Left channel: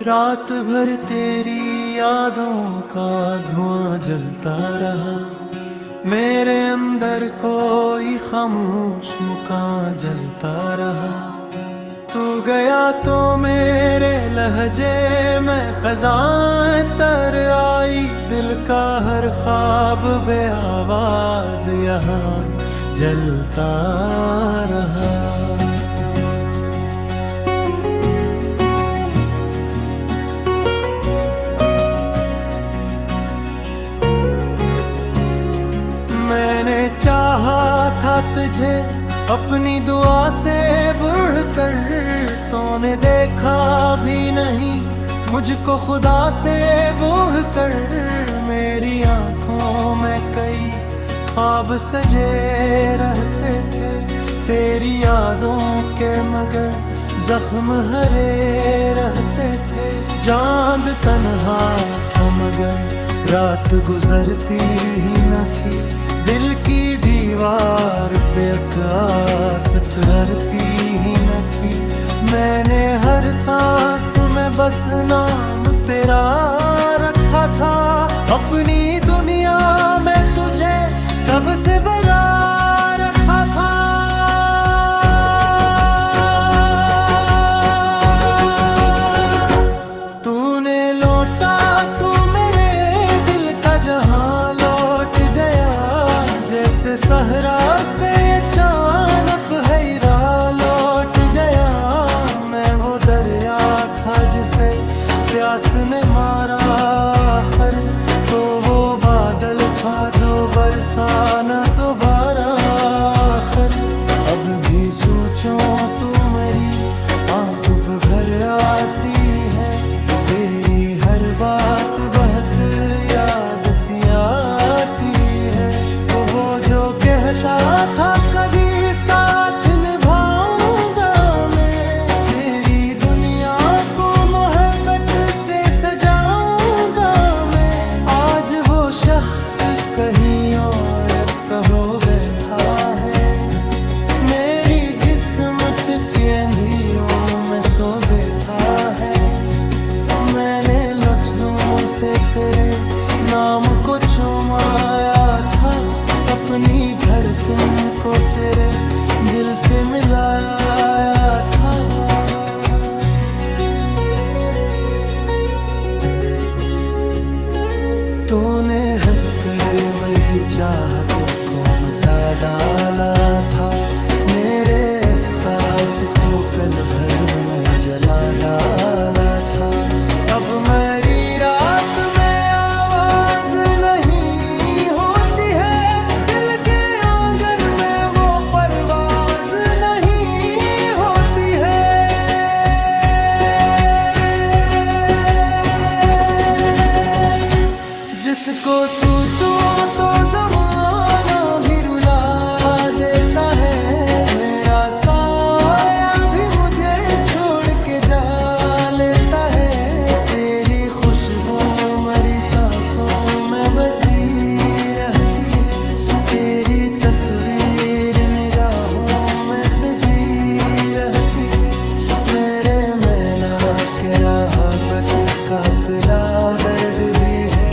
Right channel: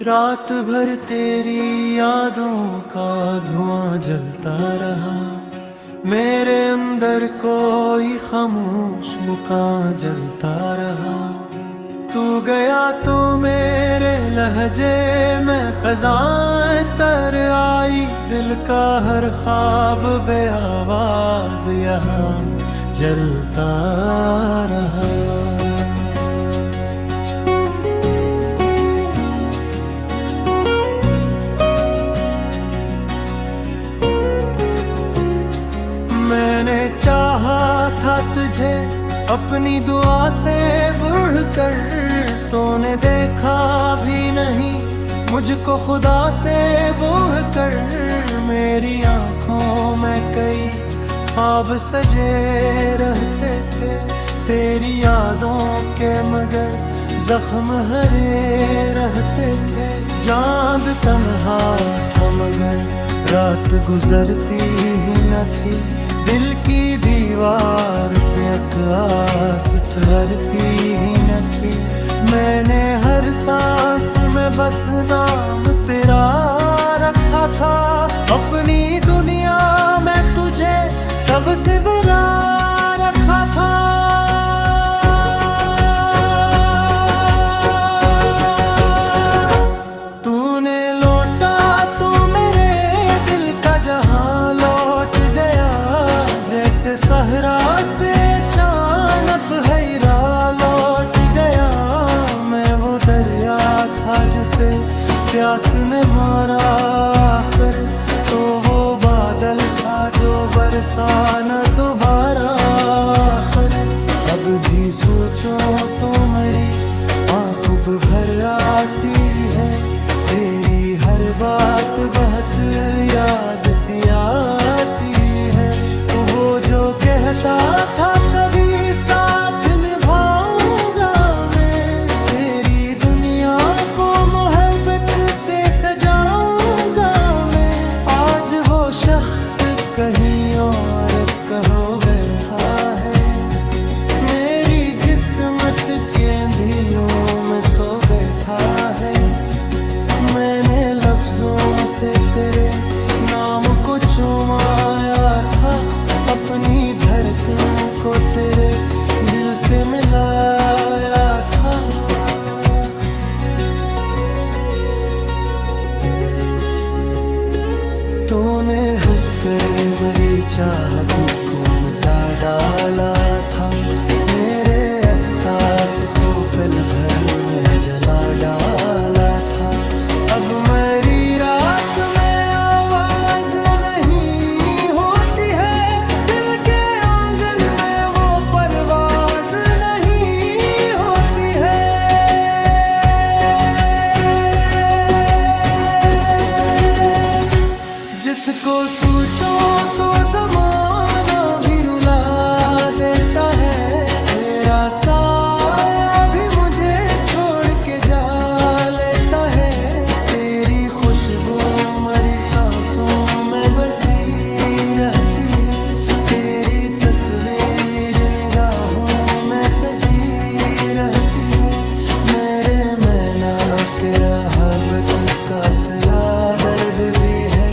रात भर तेरी यादों का धुआं जलता रहा। मेरे अंदर कोई खामोश मुकाम जलता रहा। तू गया तो मेरे लहजे में खज़ां तर आई। दिल का हर ख्वाब बे आवाज यहाँ जलता रहा। मैंने चाहा था तुझे अपनी दुआ से बढ़कर, तूने देखा भी नहीं मुझको खुदा से बढ़कर। मेरी आंखों में कई ख्वाब सजे रहते थे तेरी यादों के, मगर जख्म हरे रहते थे। चांद तन्हा था मगर रात गुजरती ही न थी। दिल की दीवार पे आस ठहरती ही न थी। मैंने हर सांस में बस नाम तेरा रखा था। अपनी दुनिया में तुझे सबसे बड़ा रखा था। तूने लौटा तो मेरे दिल का जहां लौट गया। जैसे सहरा से चानप हैरा लौट गया। मैं वो दरिया था जिसे प्यास ने मारा आखिर, तो वो बादल था जो बरसा न दोबारा आखिर। अब भी सोचूं तो मेरी आँख भर आती है। तेरी हर बात बहुत याद सी आती है। तो वो जो कहता था कभी साथ निभाऊंगा मैं, तेरी दुनिया को मोहब्बत से सजाऊंगा मैं। आज वो शख्स कहीं और कहो बैठा है। मेरी किस्मत के अंधेरों में सो बैठा है। मैंने लफ्जों से तेरे नाम को चुमाया था। अपनी धड़कन को तेरे दिल से मिलाया था। तूने हंसकर मेरी चाहत को मिटा डाला था। मेरे एहसास को पल भर में जला डाला था। अब मेरी रात में आवाज नहीं होती है। दिल के आंगन में वो परवाज नहीं होती है। जिसको सोचो तो जमाना भी रुला देता है। मेरा साया भी मुझे छोड़ के जा लेता है। तेरी खुशबू मेरी सांसों में बसी रहती है। तेरी तस्वीर निगाहों में सजी रहती है। मेरे मैना के राहबत का सिला दर्द भी है।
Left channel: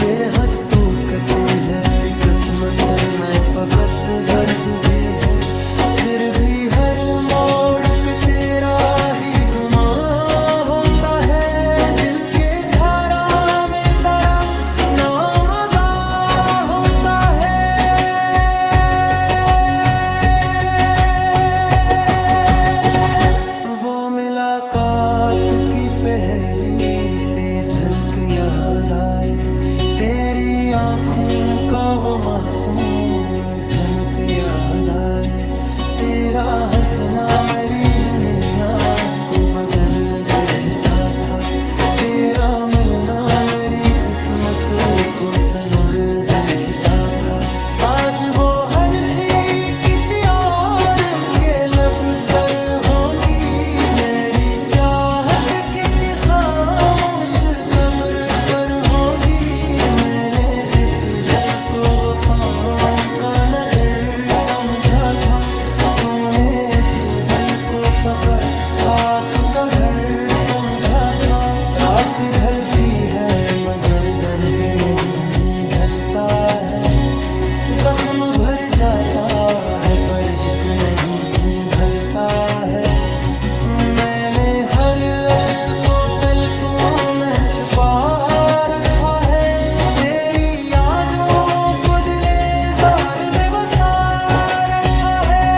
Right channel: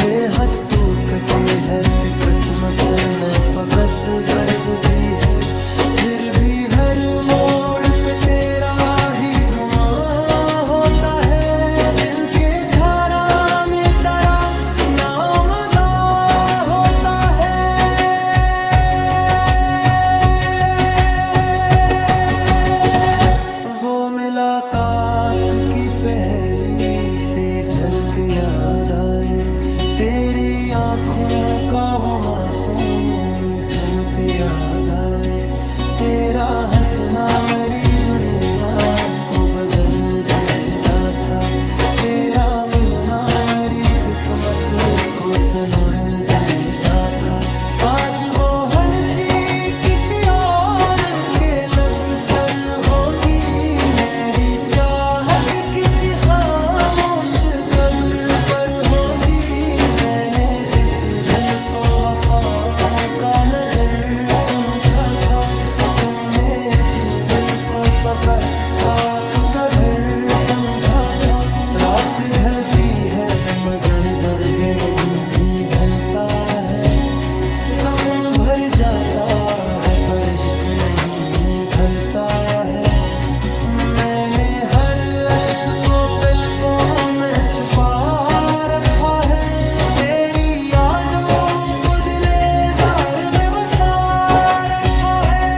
ये हद तू कटी है किस्मत में फकत दर्द भी है। फिर भी हर मोड़ पे तेरा ही गुमा होता है। दिल के सहारा में तेरा नाम अदा होता है। वो मुलाकात की पहली सी झलक याद आए। तेरी आँखों का वो मासूम चमक याद आए। तेरा हंसना मेरी दुनिया को बदल देता था। तेरा मिलना मेरी किस्मत को सनुर देता था। आज वो हंसी किसी और के लब पर होगी। मेरी चाहत किसी खामोश कब्र पर होगी। मैंने जिस दिल को वफाओं का नगर समझा था, तूने इस दिल को फकर खाक का घर समझा था। रात ढलती है मगर दर्द नहीं ढलता है, जख्म भर जाता है पर इश्क नहीं भलता है। मैंने हर अश्क को पलकों में छुपा रखा है, तेरी यादों को दिले जार में बसा रखा है।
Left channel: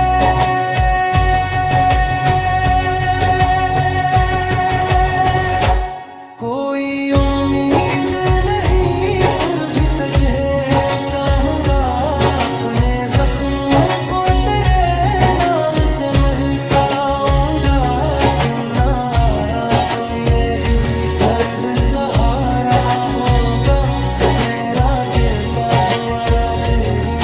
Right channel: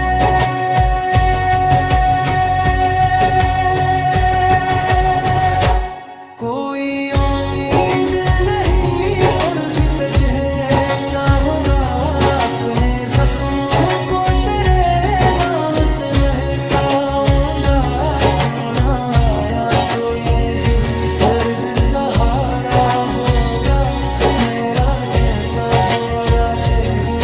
कोई उम्मीद नहीं फिर भी तुझे चाहूंगा, अपने जख्मों को तेरे नाम से महकाऊंगा। तू ना आया तो यही दर्द सहारा होगा, मेरा गिरता हुआ रात ही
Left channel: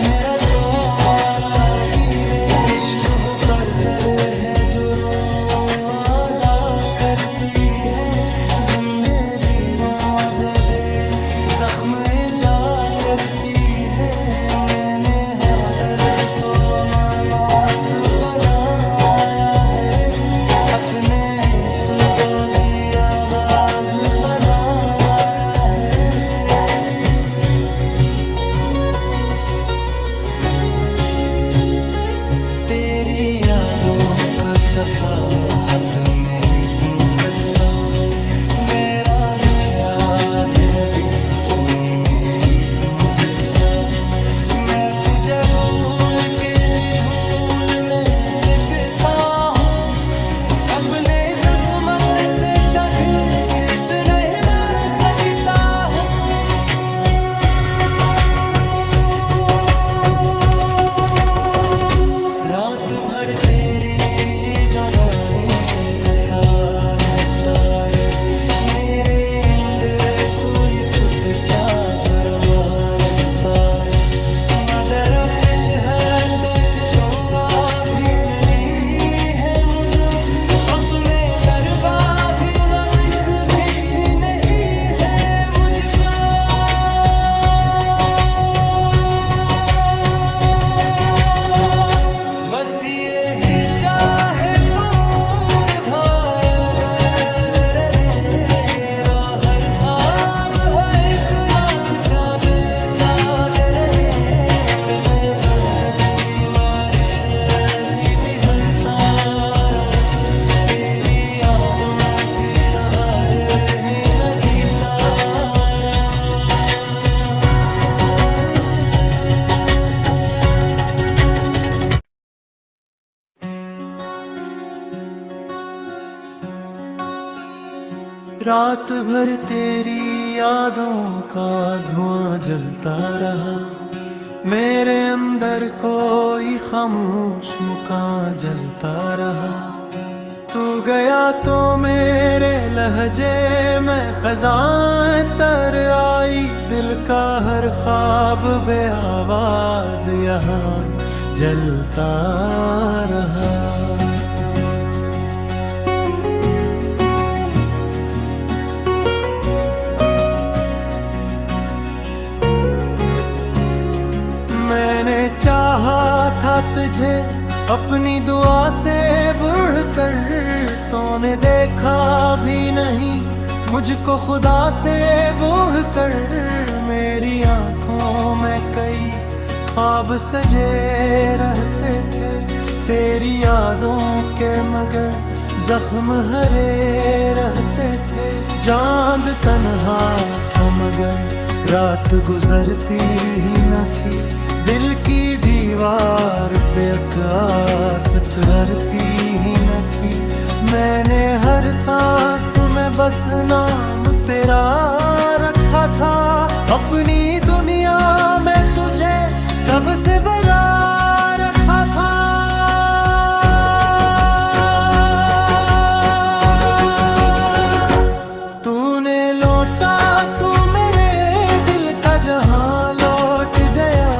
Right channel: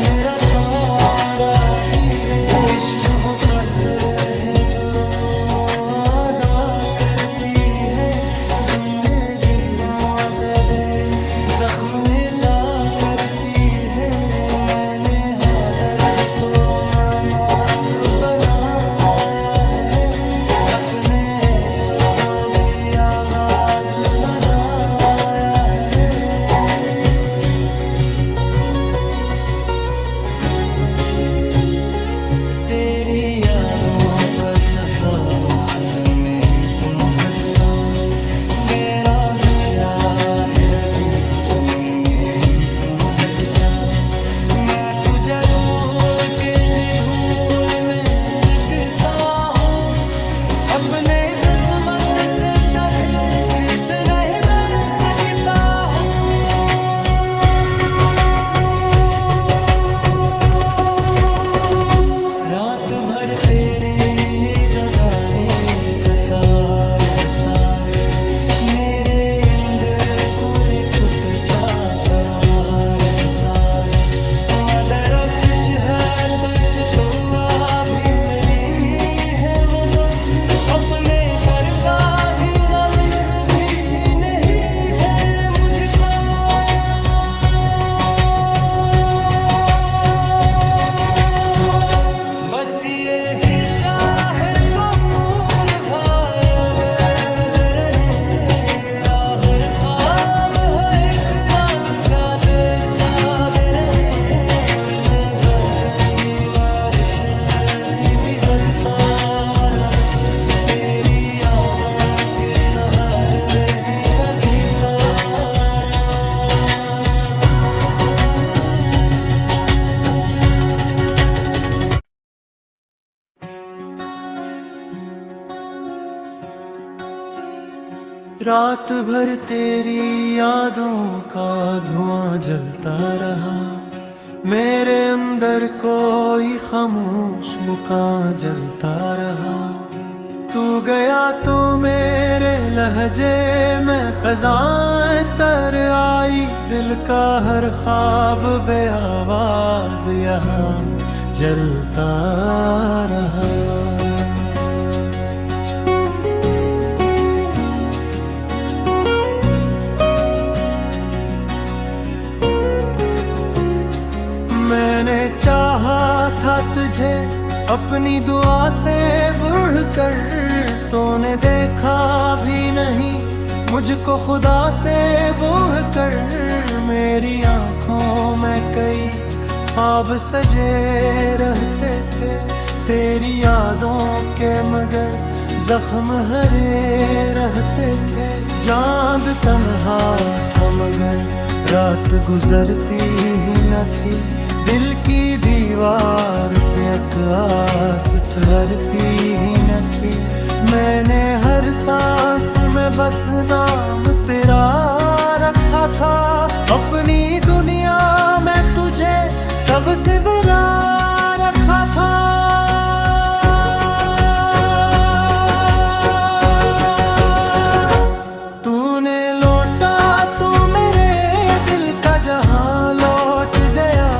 मेरा तारा ही रे। इश्क वो कर्जर है जो रो अदा करती है, जिंदगी रोआ ज़दे जख्म अदा करती है। मैंने हाँ दर्द तो मामात बनाया है, अपने सुदो भी आवाज बनाया है। तेरी यादों का सफर हाथ में ही तुम सकता, मेरा बचा है भी तुम में ही तुम सकता। मैं तुझे भूल के भी धूल में सकता हूँ, अपने किस्मत से कभी जीत नहीं रह सकता हूँ। रात भर तेरी जुदाई का सार जताए, मेरे अंदर पूरी चुपचाप करोहार जताए। मदर फिश है तुझको भी लगी है मुझे, अपने दरबार ही लिख भी नहीं है मुझको। बस ये ही चाहे दूर भाई बैद रहे, हर ख्वाब है एक रास्ता शाद रहे। और मैं दर्द की बारिश भी हंसता रहा, तेरी यादों के सहारे ही मैं जीता रहा। रात भर तेरी यादों का धुआं जलता रहा, मेरे अंदर कोई खामोश मुकाम जलता रहा। तू गया तो मेरे लहजे में खज़ां तर आई, दिल का हर ख्वाब बे आवाज यहाँ जलता रहा। मैंने चाहा था तुझे अपनी दुआ से बढ़कर, तूने देखा भी नहीं मुझको खुदा से बढ़कर। मेरी आंखों में कई ख्वाब सजे रहते थे, तेरी यादों के मगर जख्म हरे रहते थे। चांद तन्हा था मगर रात गुजरती ही न थी, दिल की दीवार पे आकाश ठहरती ही न थी। मैंने हर सांस में बस नाम तेरा रखा था, अपनी दुनिया में तुझे सबसे बड़ा रखा था। तूने लौटा तो मेरे दिल का जहां लौट गया,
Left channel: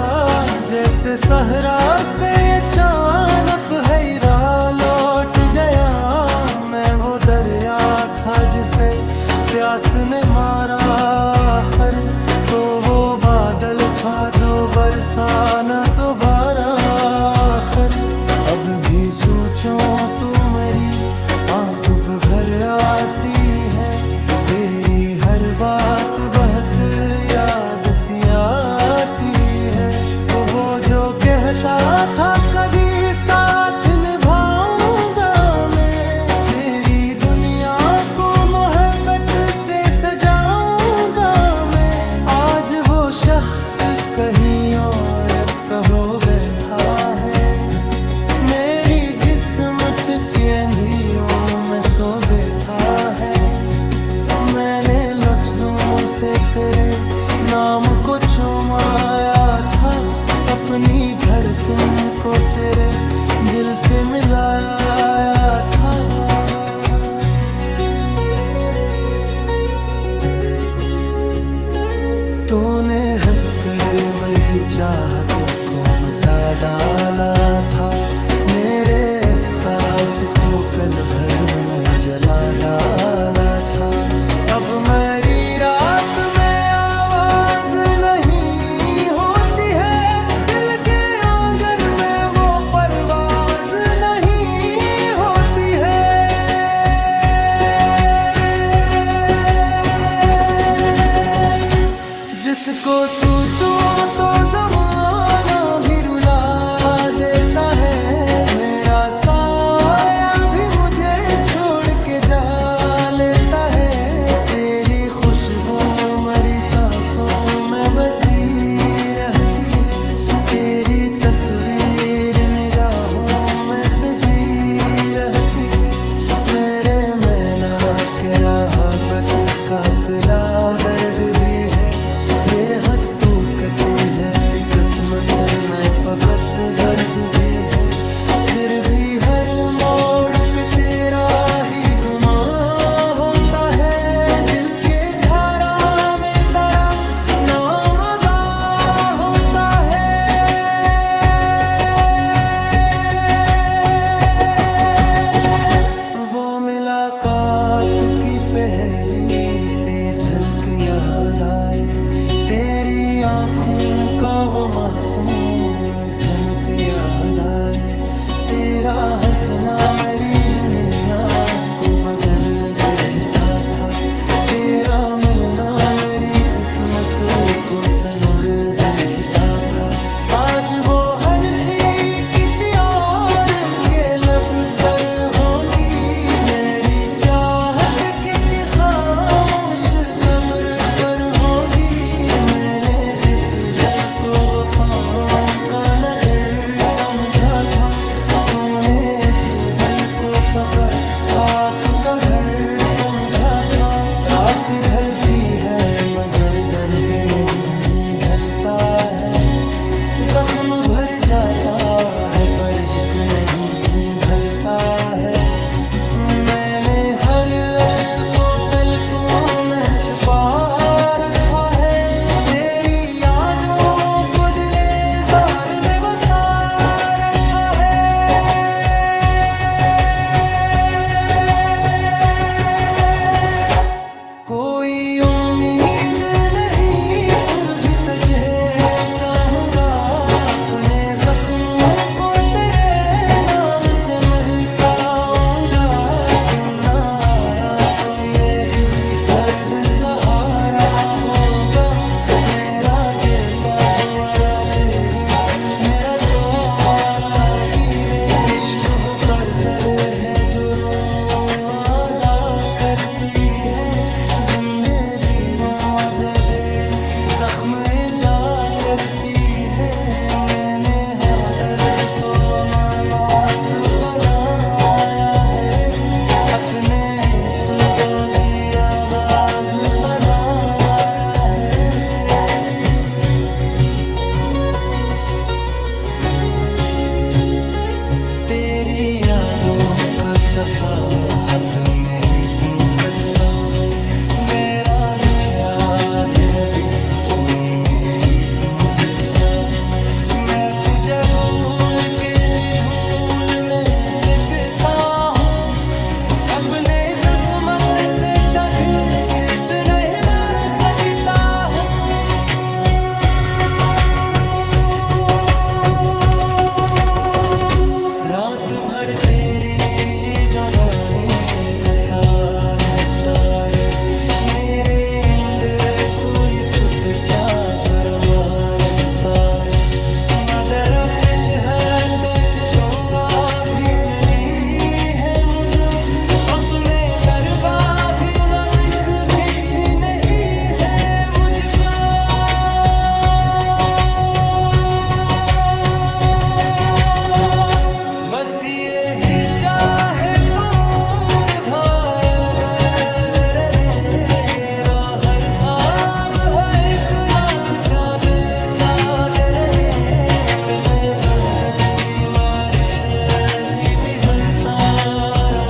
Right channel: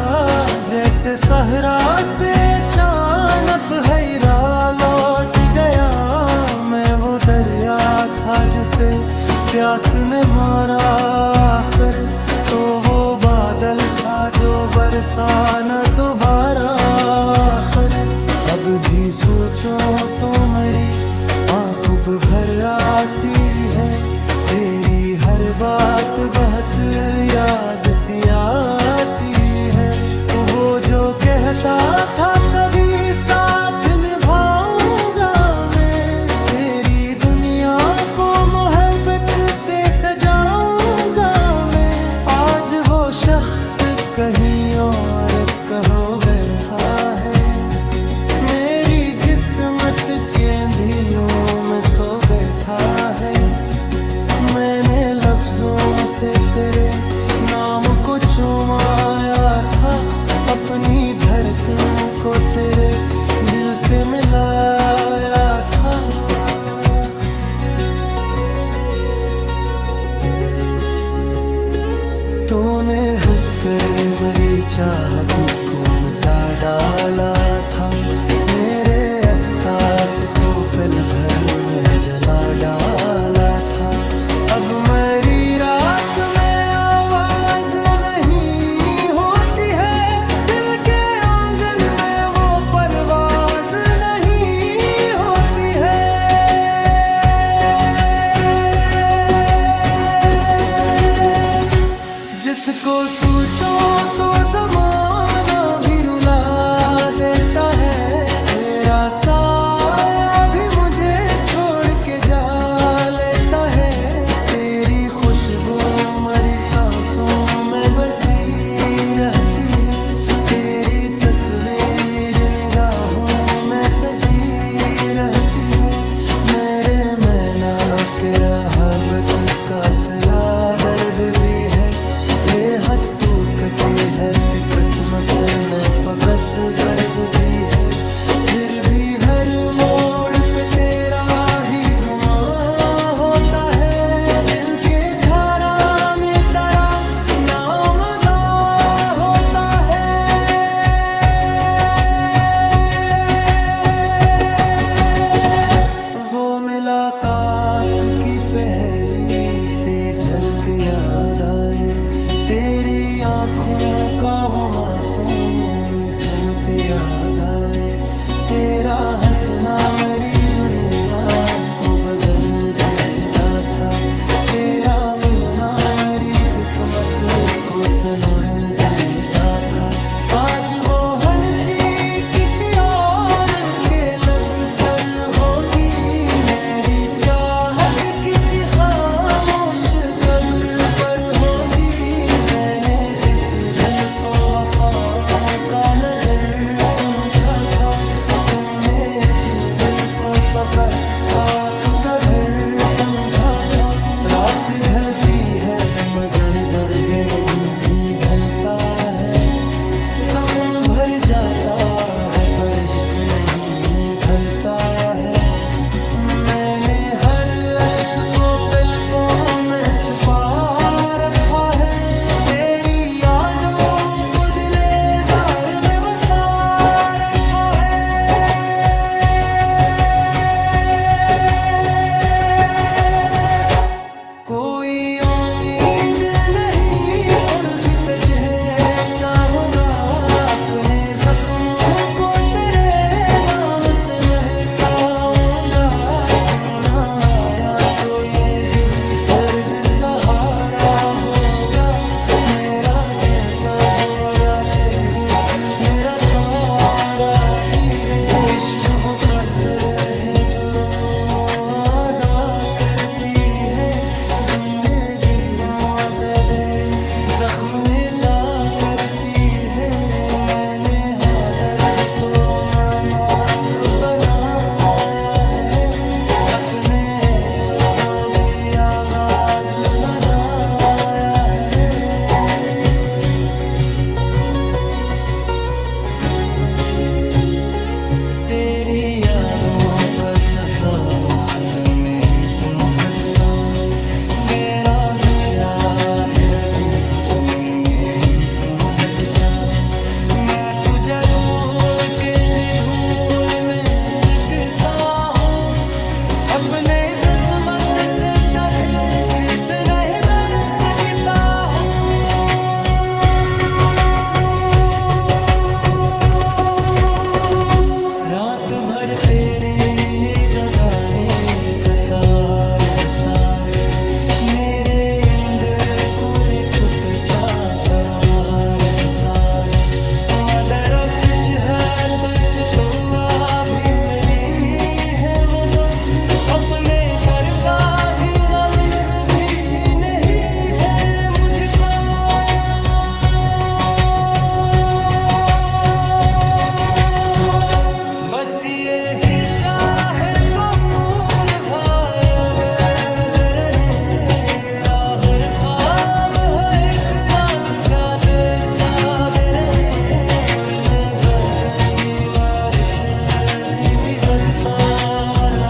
जैसे सहरा से अचानक हैरा लौट गया। मैं वो दरिया था जिसे प्यास ने मारा आखिर, तो वो बादल था जो बरसा न दोबारा आखिर। अब भी सोचो तो मेरी आँख भर आती है, तेरी हर बात बहुत याद सी आती है। तो वो जो कहता था कभी साथ निभाऊंगा मैं, तेरी दुनिया को मोहब्बत से सजाऊंगा मैं। आज वो शख्स कहीं और कहो बैठा है, मेरी किस्मत के अंधेरों में सो बैठा है। मैंने लफ्जों से तेरे नाम को चुमाया था, अपनी धड़कन को तेरे दिल से मिलाया था। तूने हंसकर मेरी चाहत को मिटा डाला था, मेरे एहसास को पल भर में जला डाला था। अब मेरी रात में आवाज नहीं होती है, दिल के आंगन में वो परवाज नहीं होती है। जिसको सोचो तो जमाना भी रुला देता है, मेरा साया भी मुझे छोड़ के जा लेता है। तेरी खुशबू मेरी सांसों में बसी रहती है, तेरी तस्वीर निगाहों में सजी रहती है। मेरे मैना के राहबत का सिला दर्द भी है, ये हद तू कटी है कि किस्मत में फकत दर्द भी है। फिर भी हर मोड़ पे तेरा ही गुमा होता है, दिल के सारा में तेरा नाम अदा होता है। वो मुलाकात की पहली सी झलक याद आए, तेरी आँखों का वो मासूम चमक याद आए। तेरा हंसना मेरी दुनिया को बदल देता था, तेरा मिलना मेरी किस्मत को सनुर देता था। आज वो हंसी किसी और के लब पर होगी, मेरी चाहत किसी खामोश कब्र पर होगी। मैंने जिस दिल को वफाओं का नगर समझा था, तूने इस दिल को फकर खाक का घर समझा था। रात ढलती है मगर दर्द नहीं ढलता है, जख्म भर जाता है पर इश्क नहीं भलता है। मैंने हर अश्क को पलकों में छुपा रखा है, तेरी यादों को दिले जार में बसा रखा है। कोई उम्मीद नहीं फिर भी तुझे चाहूंगा, अपने जख्मों को तेरे नाम से महकाऊंगा। तू ना आया तो यही दर्द सहारा होगा, मेरा गिरता हुआ रात ही मेरा तारा ही रे। इश्क वो कर्जर है जो रो अदा करती है, जिंदगी रोआ ज़दे जख्म अदा करती है। मैंने हाँ दर्द तो मामात बनाया है, अपने सुदो भी आवाज बनाया है। तेरी यादों का सफर हाथ में ही तू सकता, मेरा बचा है भी तुम में ही तू सकता। मैं तुझे भूल के भी धूल में सकता हूँ, अपने किस्मत से कभी जीत नहीं रह सकता हूँ। रात भर तेरी जो डाली का सार बताए, मेरे अंदर पूरी चुपचाप कारोबार बताए। मदर फिश है तुझको भी मिली है मुझे, अपने दरबार ही लिख भी नहीं है मुझको। बस ये ही चाहे दूर भाई बैद रहे, हर ख्वाब है एक रास का शाद रहे। और मैं बदत की बारिश भी हंसता रहा,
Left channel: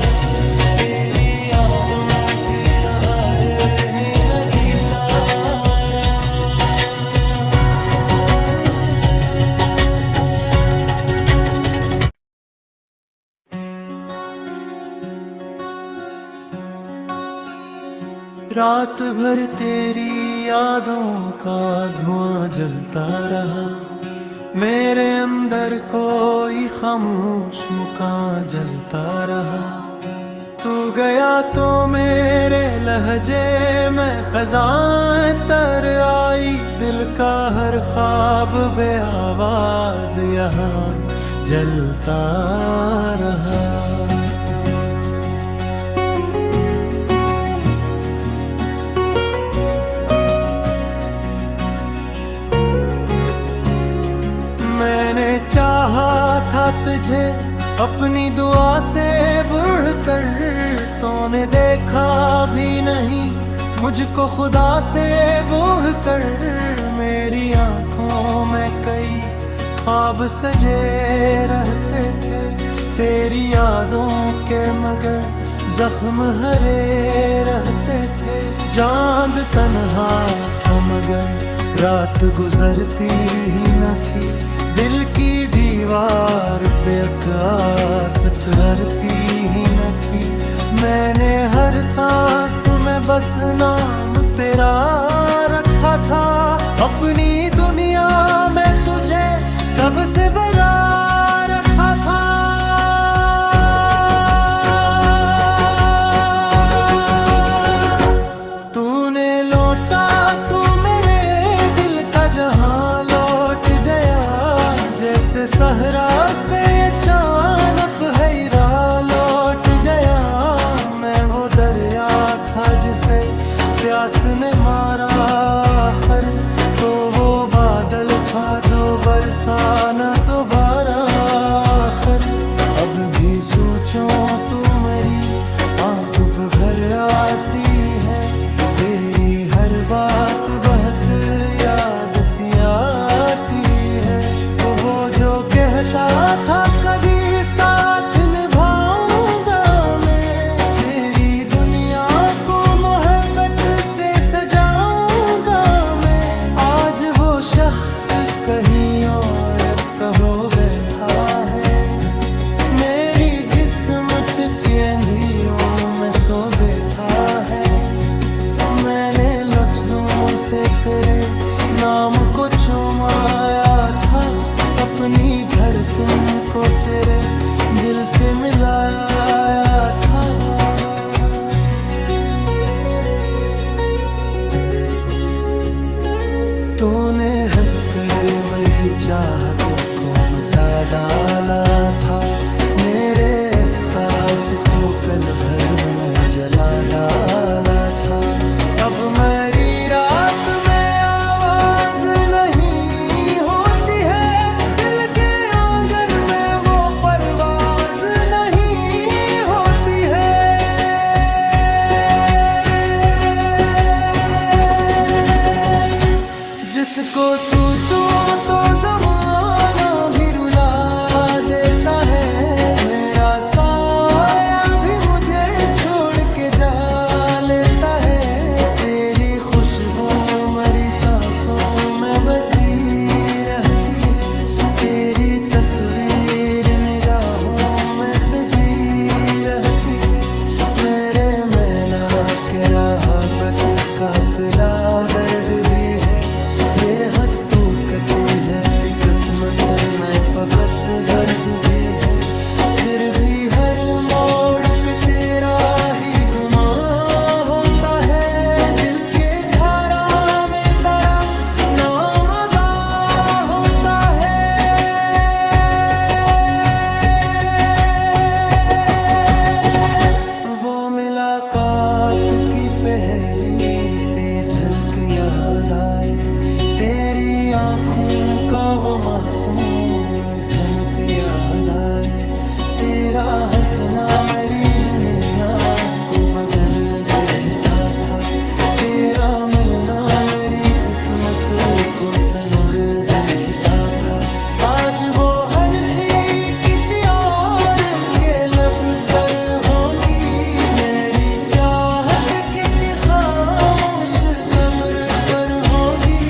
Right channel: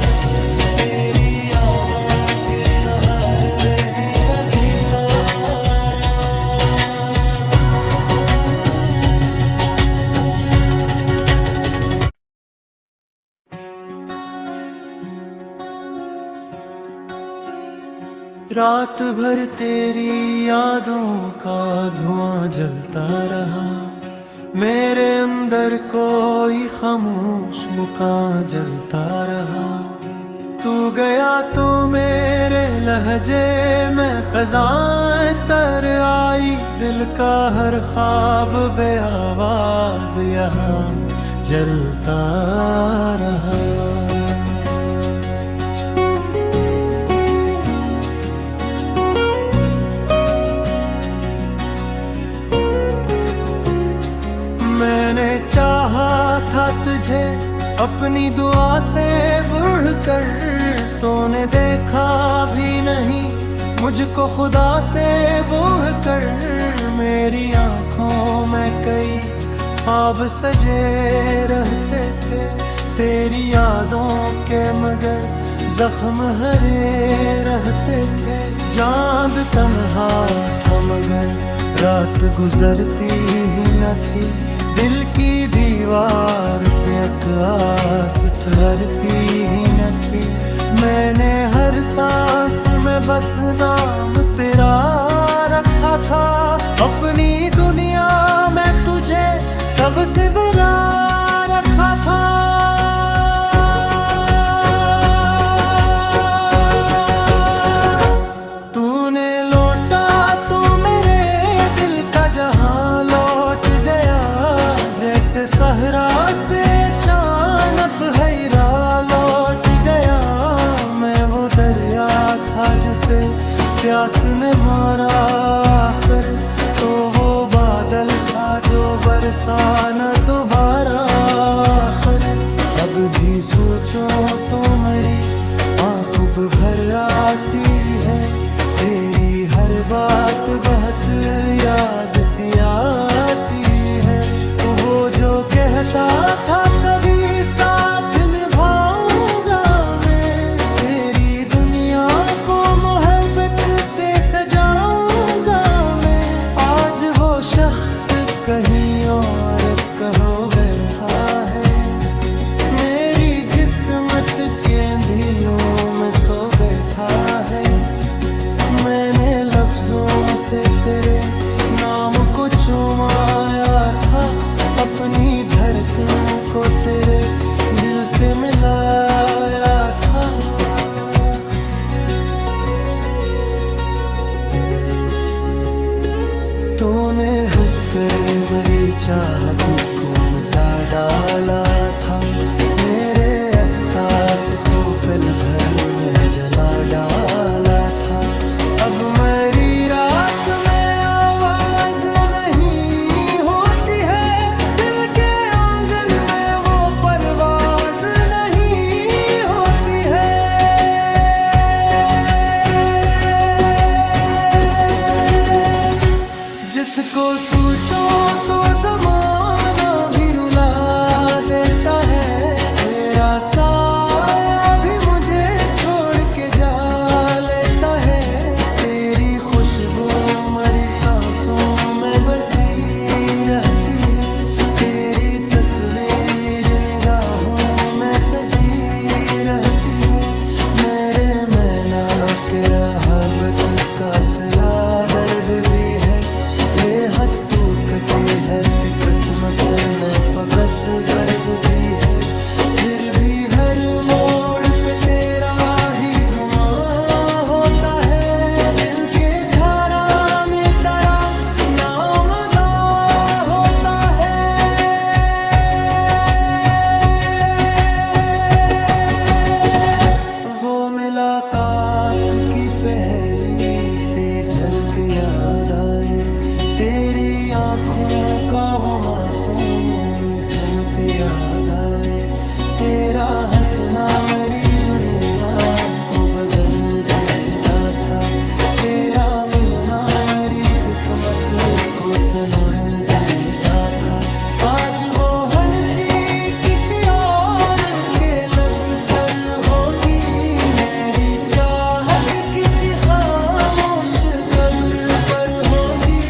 तेरी यादों के सहारे ही मैं जीता रहा। रात भर तेरी यादों का धुआं जलता रहा, मेरे अंदर कोई खामोश मुकाम जलता रहा। तू गया तो मेरे लहजे में खज़ां तर आई, दिल का हर ख्वाब बे आवाज यहाँ जलता रहा। मैंने चाहा था तुझे अपनी दुआ से बढ़कर, तूने देखा भी नहीं मुझको खुदा से बढ़कर। मेरी आंखों में कई ख्वाब सजे रहते थे, तेरी यादों के मगर जख्म हरे रहते थे। चांद तन्हा था मगर रात गुजरती ही न थी, दिल की दीवार पे आस ठहरती ही न थी। मैंने हर सांस में बस नाम तेरा रखा था, अपनी दुनिया में तुझे सबसे बड़ा रखा था। तूने लौटा तो मेरे दिल का जहां लौट गया, जैसे सहरा से अचानक हैरा लौट गया। मैं वो दरिया था जिसे प्यास ने मारा आखिर, तो वो बादल था जो बरसा न दोबारा आखिर। अब भी सोचूं तो मेरी आँख भर आती है, तेरी हर बात बहुत याद सी आती है। तो वो जो कहता था कभी साथ निभाऊंगा मैं, तेरी दुनिया को मोहब्बत से सजाऊंगा मैं। आज वो शख्स कहीं और कहो बैठा है, मेरी किस्मत के अंधेरों में सो बैठा है। मैंने लफ्जों से तेरे नाम को चुमाया था, अपनी धड़कन को तेरे दिल से मिलाया था। तूने हंसकर मेरी चाहत को मिटा डाला था, मेरे एहसास को पल भर में जला डाला था। अब मेरी रात में आवाज नहीं होती है, दिल के आंगन में वो परवाज नहीं होती है। जिसको सोचो तो जमाना भी रुला देता है, मेरा साया भी मुझे छोड़ के जा लेता है। तेरी खुशबू मेरी सांसों में बसी रहती है, तेरी तस्वीर निगाहों में सजी रहती है। मेरे मैना के राहबत का सिला दर्द भी है, ये हद तू कटी है किस्मत में फकत दर्द भी है। फिर भी हर मोड़ पे तेरा ही गुमान होता है। दिल के सहारा में तेरा नाम अदा होता है। वो मुलाकात की पहली सी झलक याद आए, तेरी आँखों का वो मासूम चमक याद आए। तेरा हंसना मेरी दुनिया को बदल देता था, तेरा मिलना मेरी किस्मत को सनुर देता था। आज वो हंसी किसी और के लब पर होगी, मेरी चाहत किसी खामोश कब्र पर होगी।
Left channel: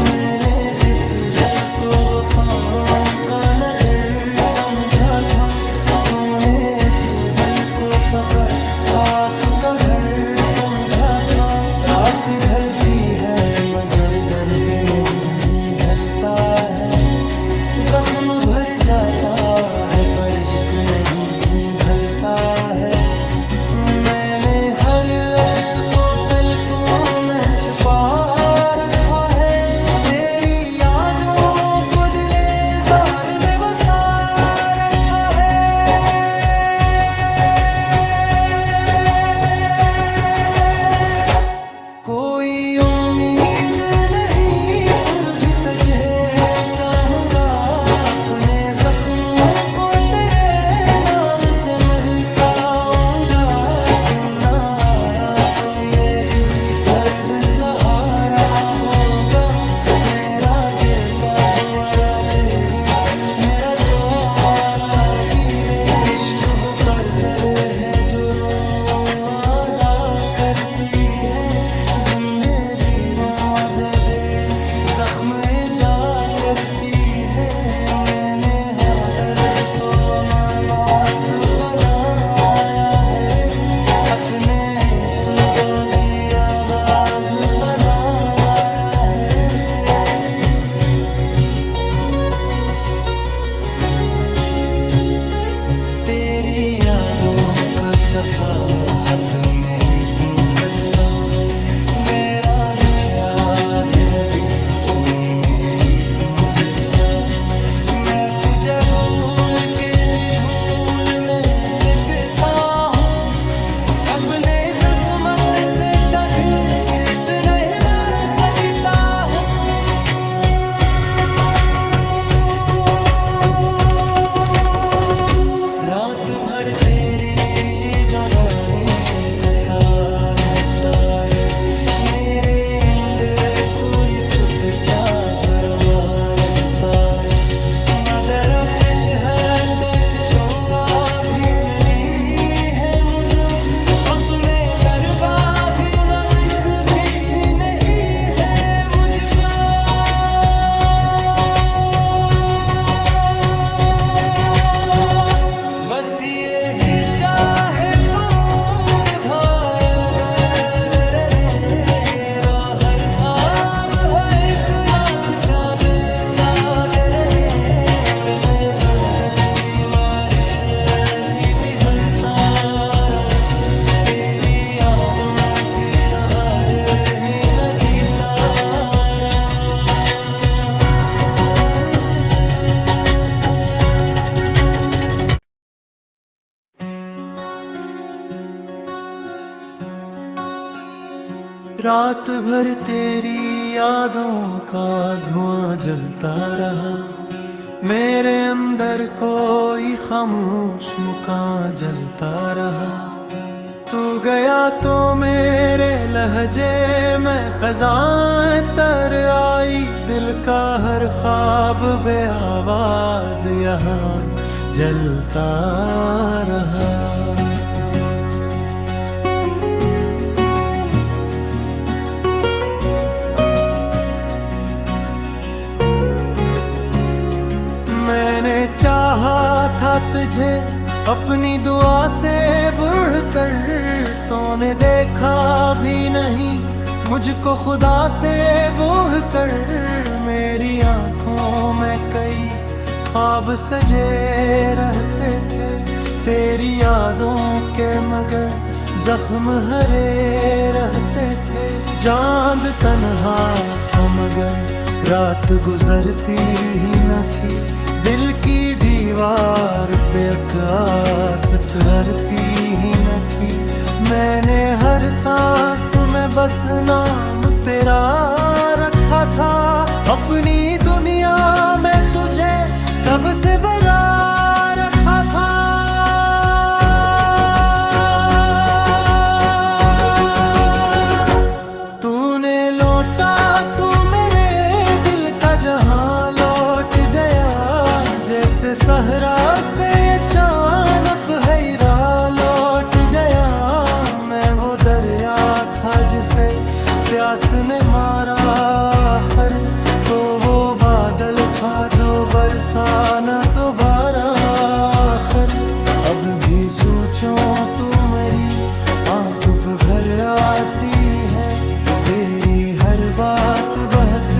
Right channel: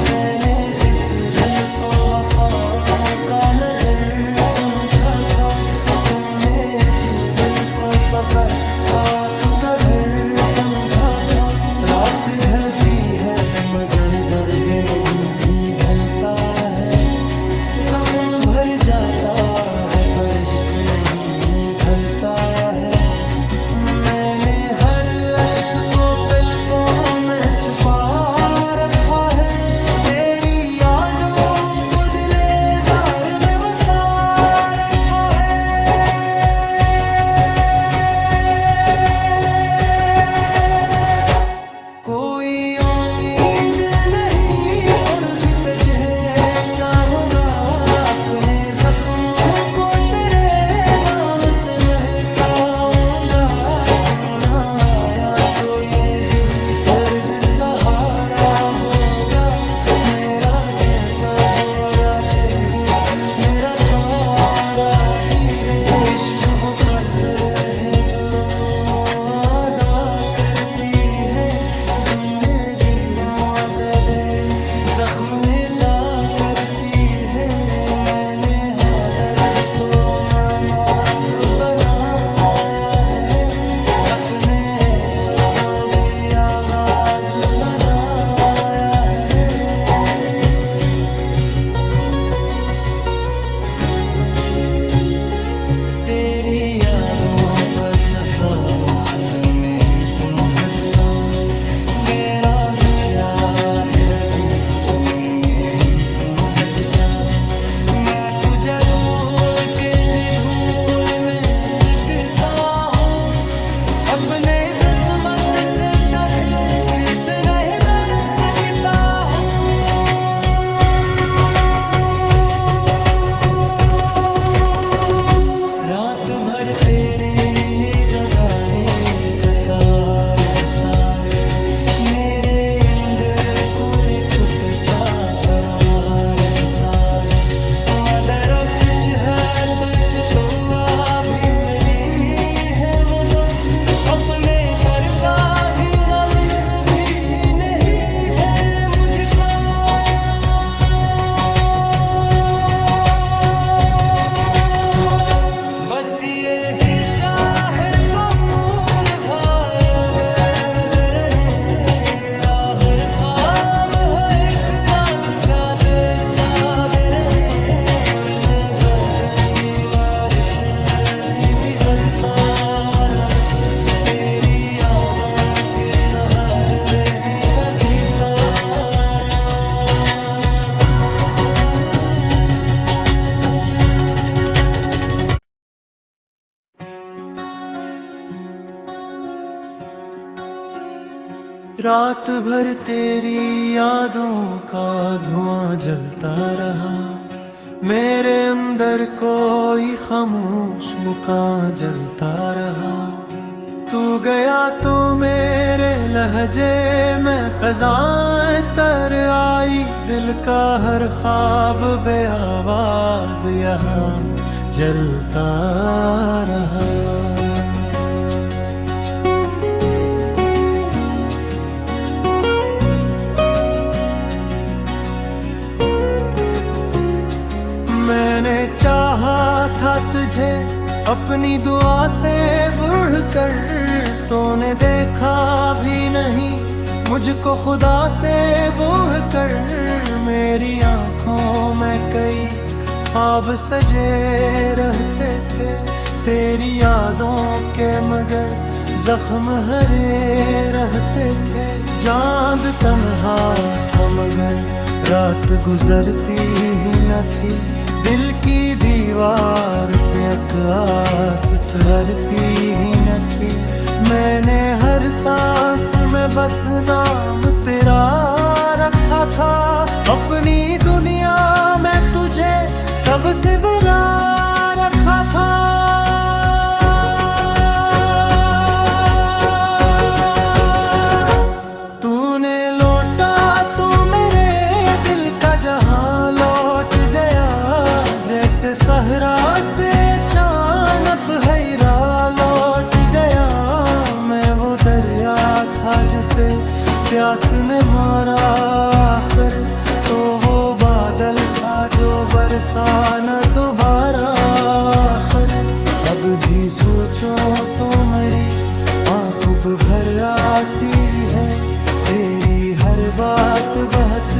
मैंने जिस दिल को वफाओं का नगर समझा था, तूने इस दिल को फकर खाक का घर समझा था। रात ढलती है मगर दर्द नहीं ढलता है, जख्म भर जाता है पर इश्क नहीं भलता है। मैंने हर अश्क को पलकों में छुपा रखा है, तेरी यादों को दिले जार में बसा रखा है। कोई उम्मीद नहीं फिर भी तुझे चाहूंगा, अपने जख्मों को तेरे नाम से महकाऊंगा। तू ना आया तो यही दर्द सहारा होगा, मेरा गिरता हुआ रात ही मेरा तारा ही दे। इश्क वो कर्जर है जो रो अदा करती है, जिंदगी रोआ ज़दे जख्म अदा करती है। मैंने हाँ दर्द तो अमानत बनाया है, अपने सुदो भी आगाज बनाया है। तेरी यादों का सफर हाथ में ही पूछ सकता, मेरा बचा है भी तुम में ही पूछ सकता। मैं तुझे भूल के भी भूल में सकता हूँ, अपने किस्मत से कभी जीत नहीं रह सकता हूँ। रात भर तेरी जुदाई का सार बताए, मेरे अंदर पूरी चुपचाप परवार बताए। मदर फिश है तुझको भी अली है मुझे, अपने दरबार ही लिख भी नहीं है मुझको। बस ये ही चाहे दूर भाई बैद रहे, हर ख्वाब है एक रास्ता दिशाद रहे। और मैं बाद की बारिश भी हंसता रहा, तेरी यादों के सहारे ही मैं जीता रहा। रात भर तेरी यादों का धुआं जलता रहा, मेरे अंदर कोई खामोश मुकाम जलता रहा। तू गया तो मेरे लहजे में खज़ां तर आई, दिल का हर ख्वाब बे आवाज यहाँ जलता रहा। मैंने चाहा था तुझे अपनी दुआ से बढ़कर, तूने देखा भी नहीं मुझको खुदा से बढ़कर। मेरी आंखों में कई ख्वाब सजे रहते थे, तेरी यादों के मगर जख्म हरे रहते थे। चांद तन्हा था मगर रात गुजरती ही न थी। दिल की दीवार पे आकाश ठहरती ही न थी। मैंने हर सांस में बस नाम तेरा रखा था। अपनी दुनिया में तुझे सबसे बड़ा रखा था। तूने लौटा तो मेरे दिल का जहां लौट गया। जैसे सहरा से अचानक हैरा लौट गया। मैं वो दरिया था जिसे प्यास ने मारा आखिर, तो वो बादल था जो बरसा न दोबारा आखिर। अब भी सोचूं तो मेरी आँख भर आती है। तेरी हर बात बहुत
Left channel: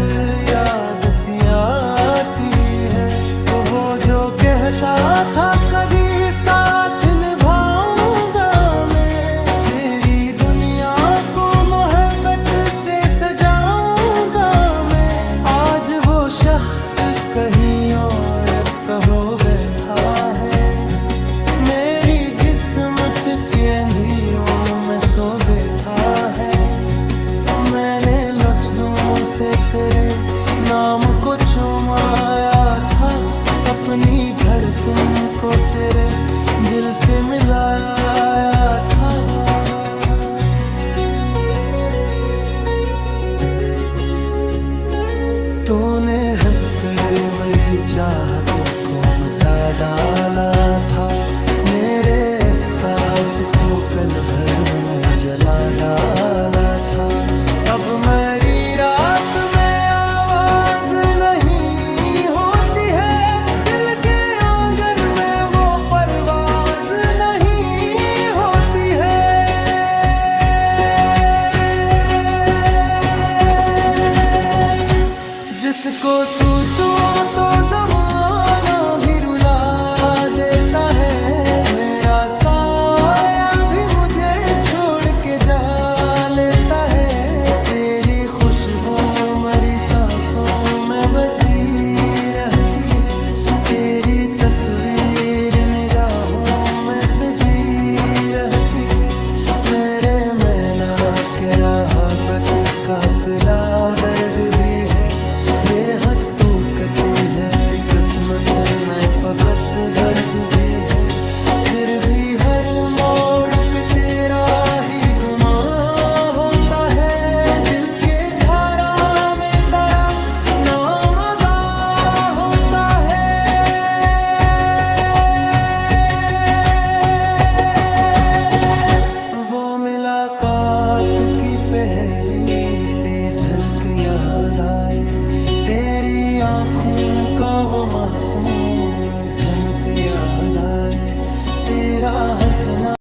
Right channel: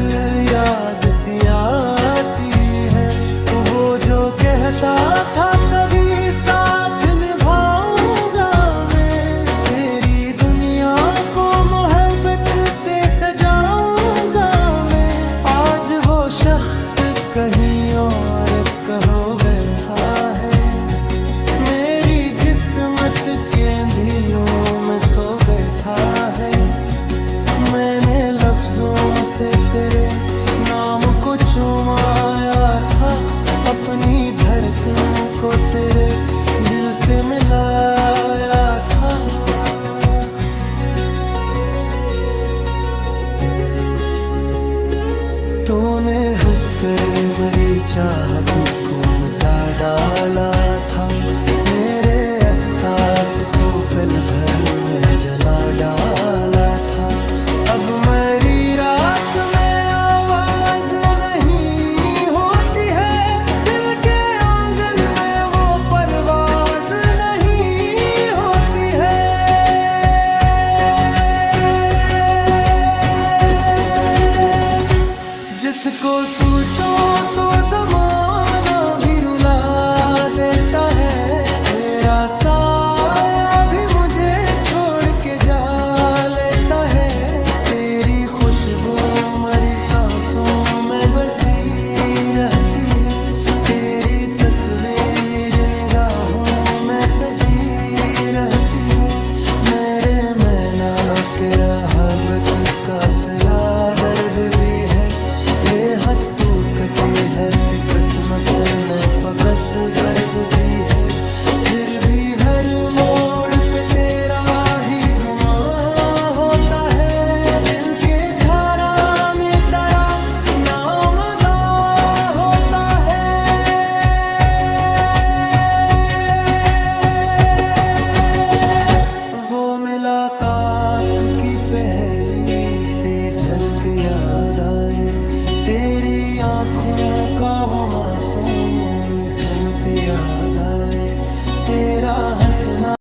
याद सी आती है। तो वो जो कहता था कभी साथ निभाऊंगा मैं, तेरी दुनिया को मोहब्बत से सजाऊंगा मैं। आज वो शख्स कहीं और कहो बैठा है। मेरी किस्मत के अंधेरों में सो बैठा है। मैंने लफ्जों से तेरे नाम को चुमाया था। अपनी धड़कन को तेरे दिल से मिलाया था। तूने हंसकर मेरी चाहत को मिटा डाला था। मेरे एहसास को पल भर में जला डाला था। अब मेरी रात में आवाज नहीं होती है। दिल के आंगन में वो परवाज नहीं होती है। जिसको सोचो तो जमाना भी रुला देता है। मेरा साया भी मुझे छोड़ के जा लेता है। तेरी खुशबू मेरी सांसों में बसी रहती है। तेरी तस्वीर निगाहों में सजी रहती है। मेरे मैना के राहबत का सिला दर्द भी है। ये हद तू कटी है किस्मत में फकत दर्द भी है। फिर भी हर मोड़ पे तेरा ही गुमा होता है। दिल के सहारा में तेरा नाम अदा होता है। वो मुलाकात की पहली सी झलक याद आए। तेरी आँखों का वो मासूम चमक याद आए। तेरा हंसना